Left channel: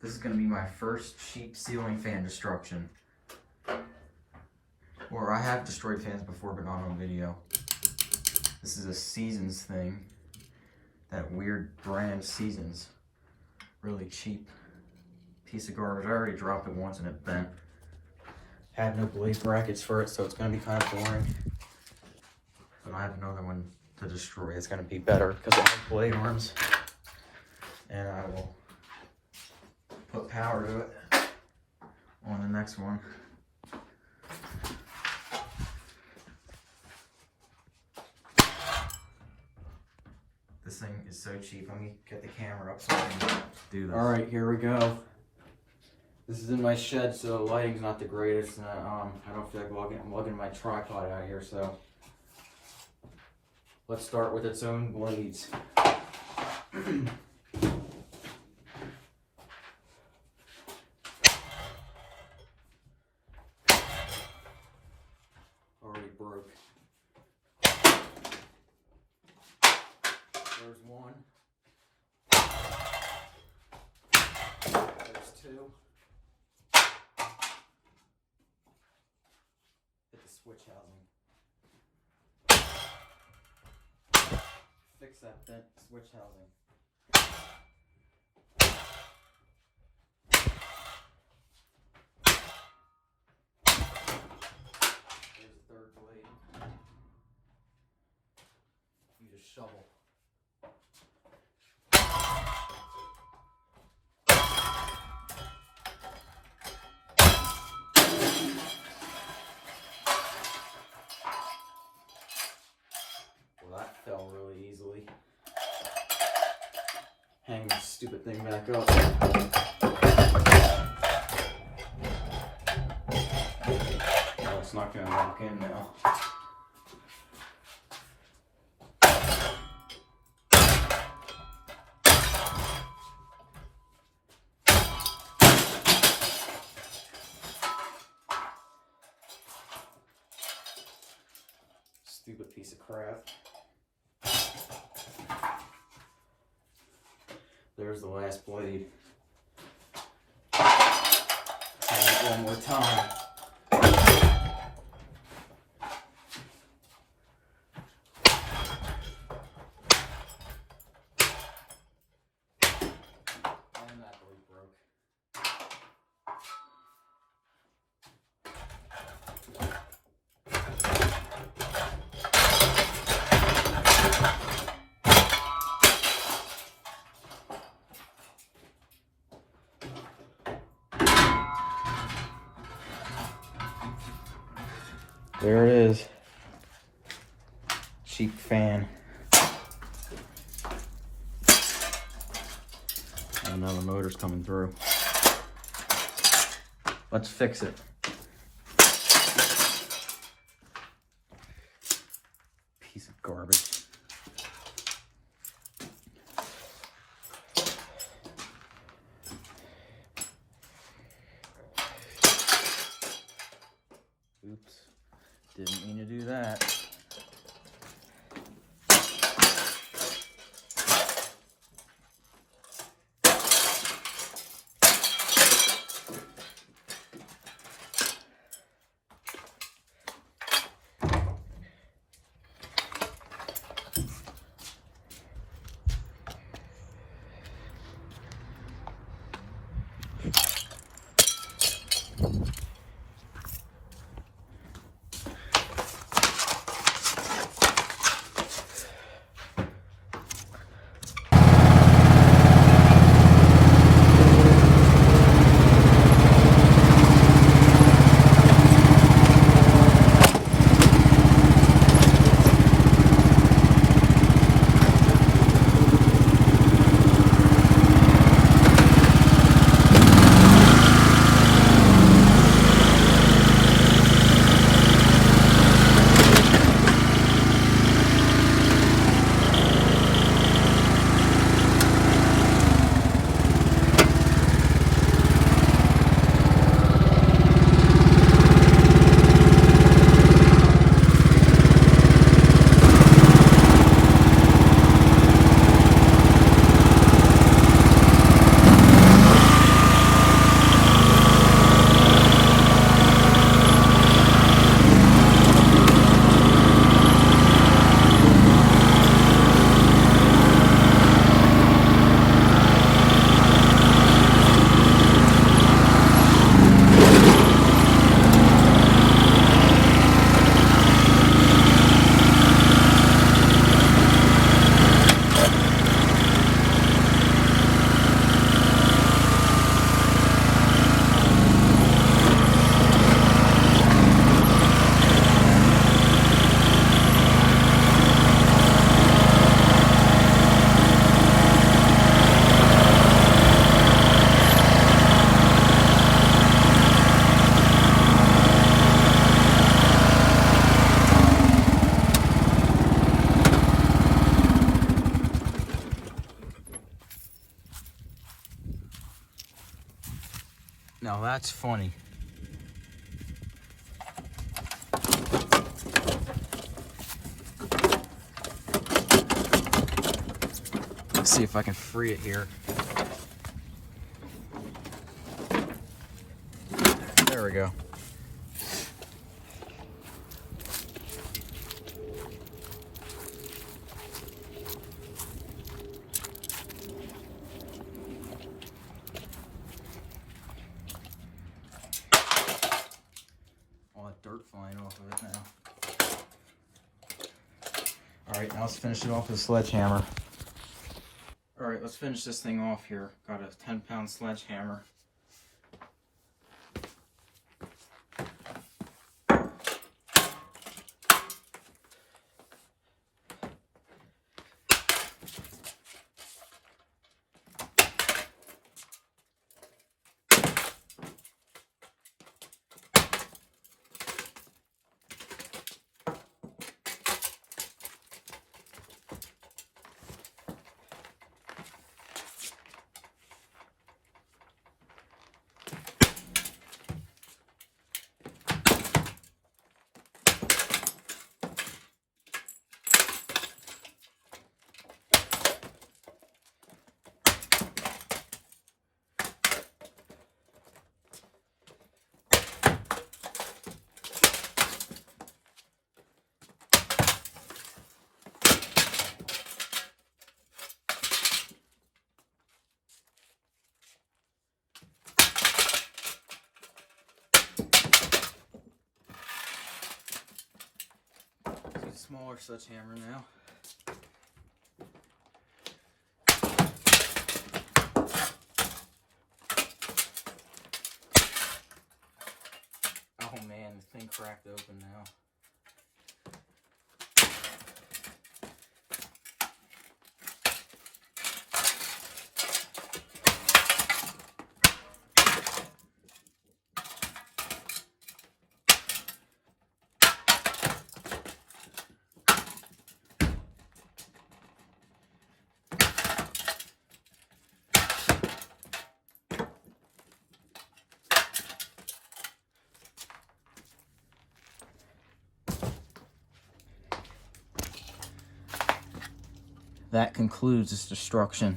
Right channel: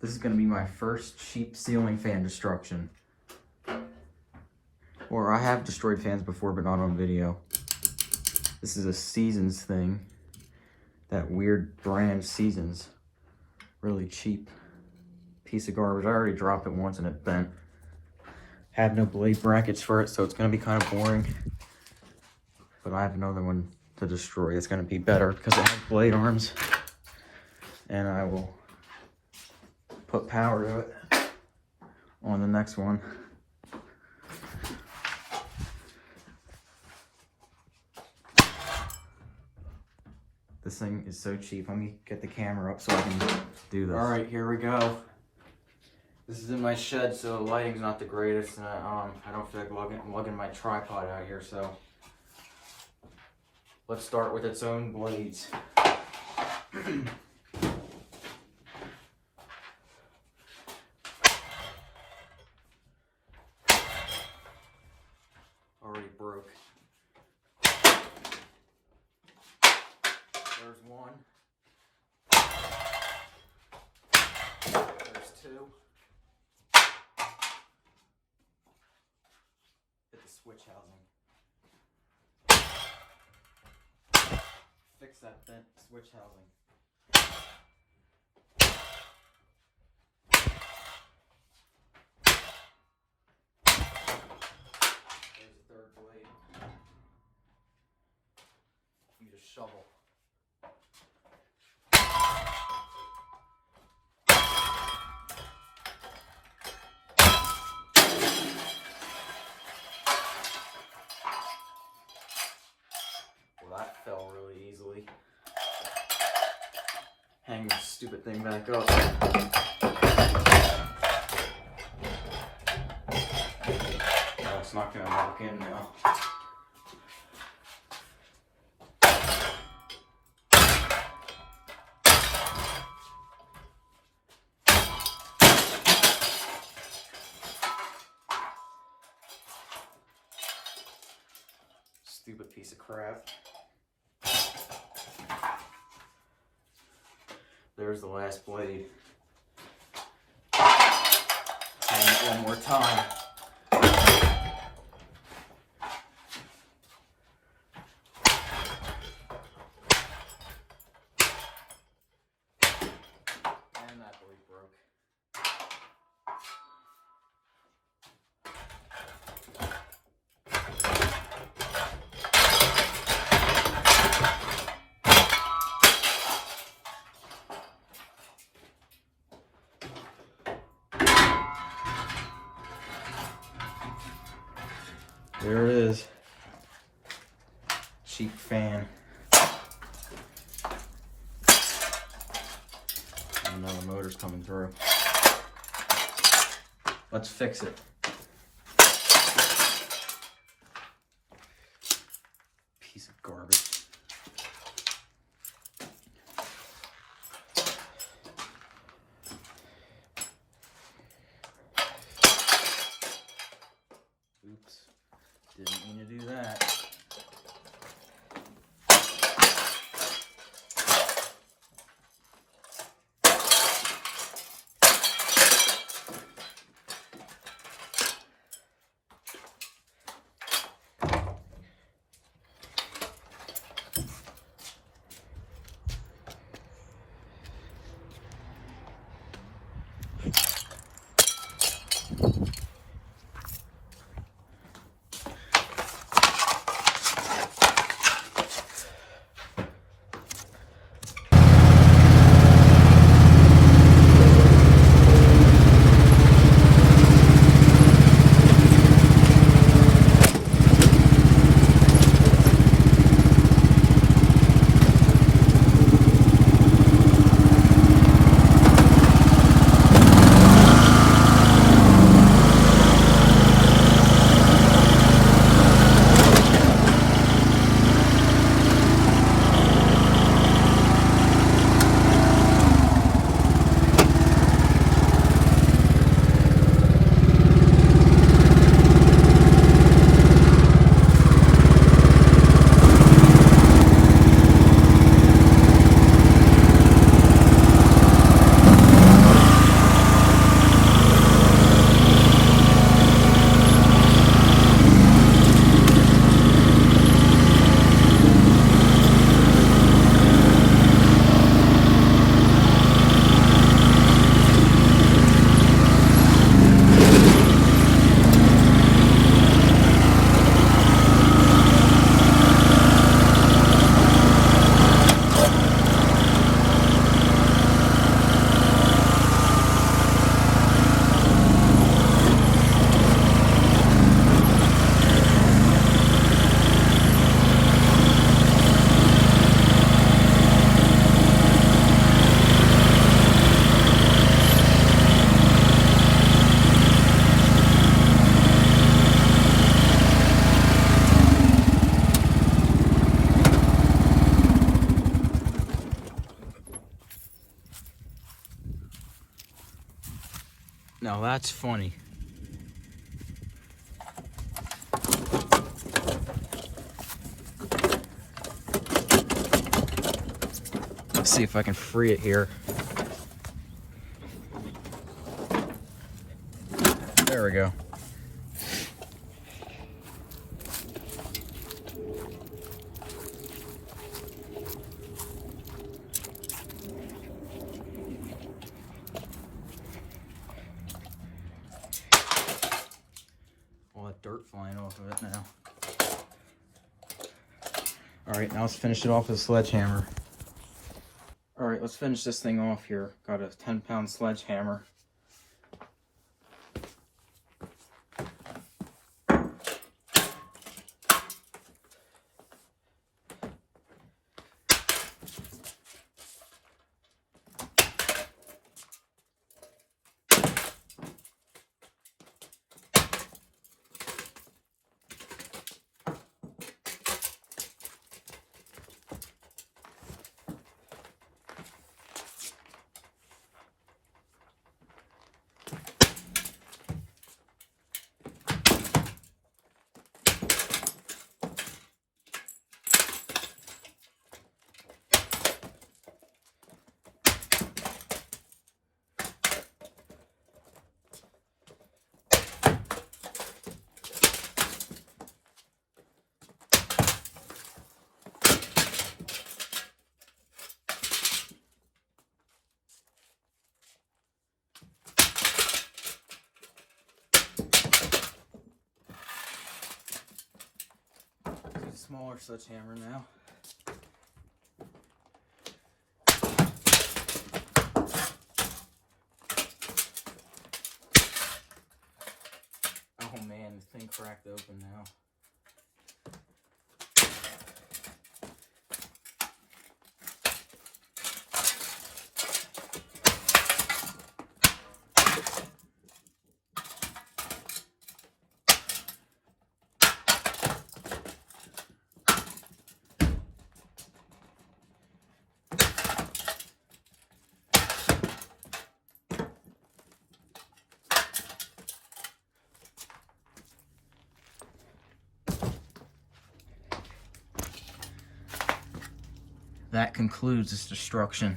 This is going to be my first cheap ceiling fan destruction. Or I have destroyed fans before, but not on video. This is a Seasons thing. That weird brand Seasons. Really cheap piece of garbage. I already dropped it once and it bent. Have no blade brackets for it, so it's going to be kind of boring. But I have another one to destroy. It's going to be better because of the blade arms. And I will put power to it on the next one. This thing is so cheap. Let me get the camera up so I can do this. All right, here we go. This is in my shed, so the lighting's not the greatest. I don't feel like lugging my tripod out here, so let's start with its own blades. Already broke. There's one. There's two. Hit the switch housing. Fix that bent switch housing. There's the third blade. Use a shovel. That fell really easily. Hang this stupid thing back up. Oh, it's not going to lock in now. Stupid piece of crap. There's the last blade. Hang it one more time. And that blade broke. There it is. Cheap fan. And now the motor's coming through. Let's fix it. Piece of garbage. Oops. Didn't mean to do that. Now that's funny. Let's see if I can free it here. There we go. All that dirt flying off of it now. All right, now let's finish it off with a sledgehammer. All right, let's finish this thing off here. Got a 10-pound sledgehammer. Smaller sledgehammer now. Oh man, the thing cracked open now. That concludes this destruction.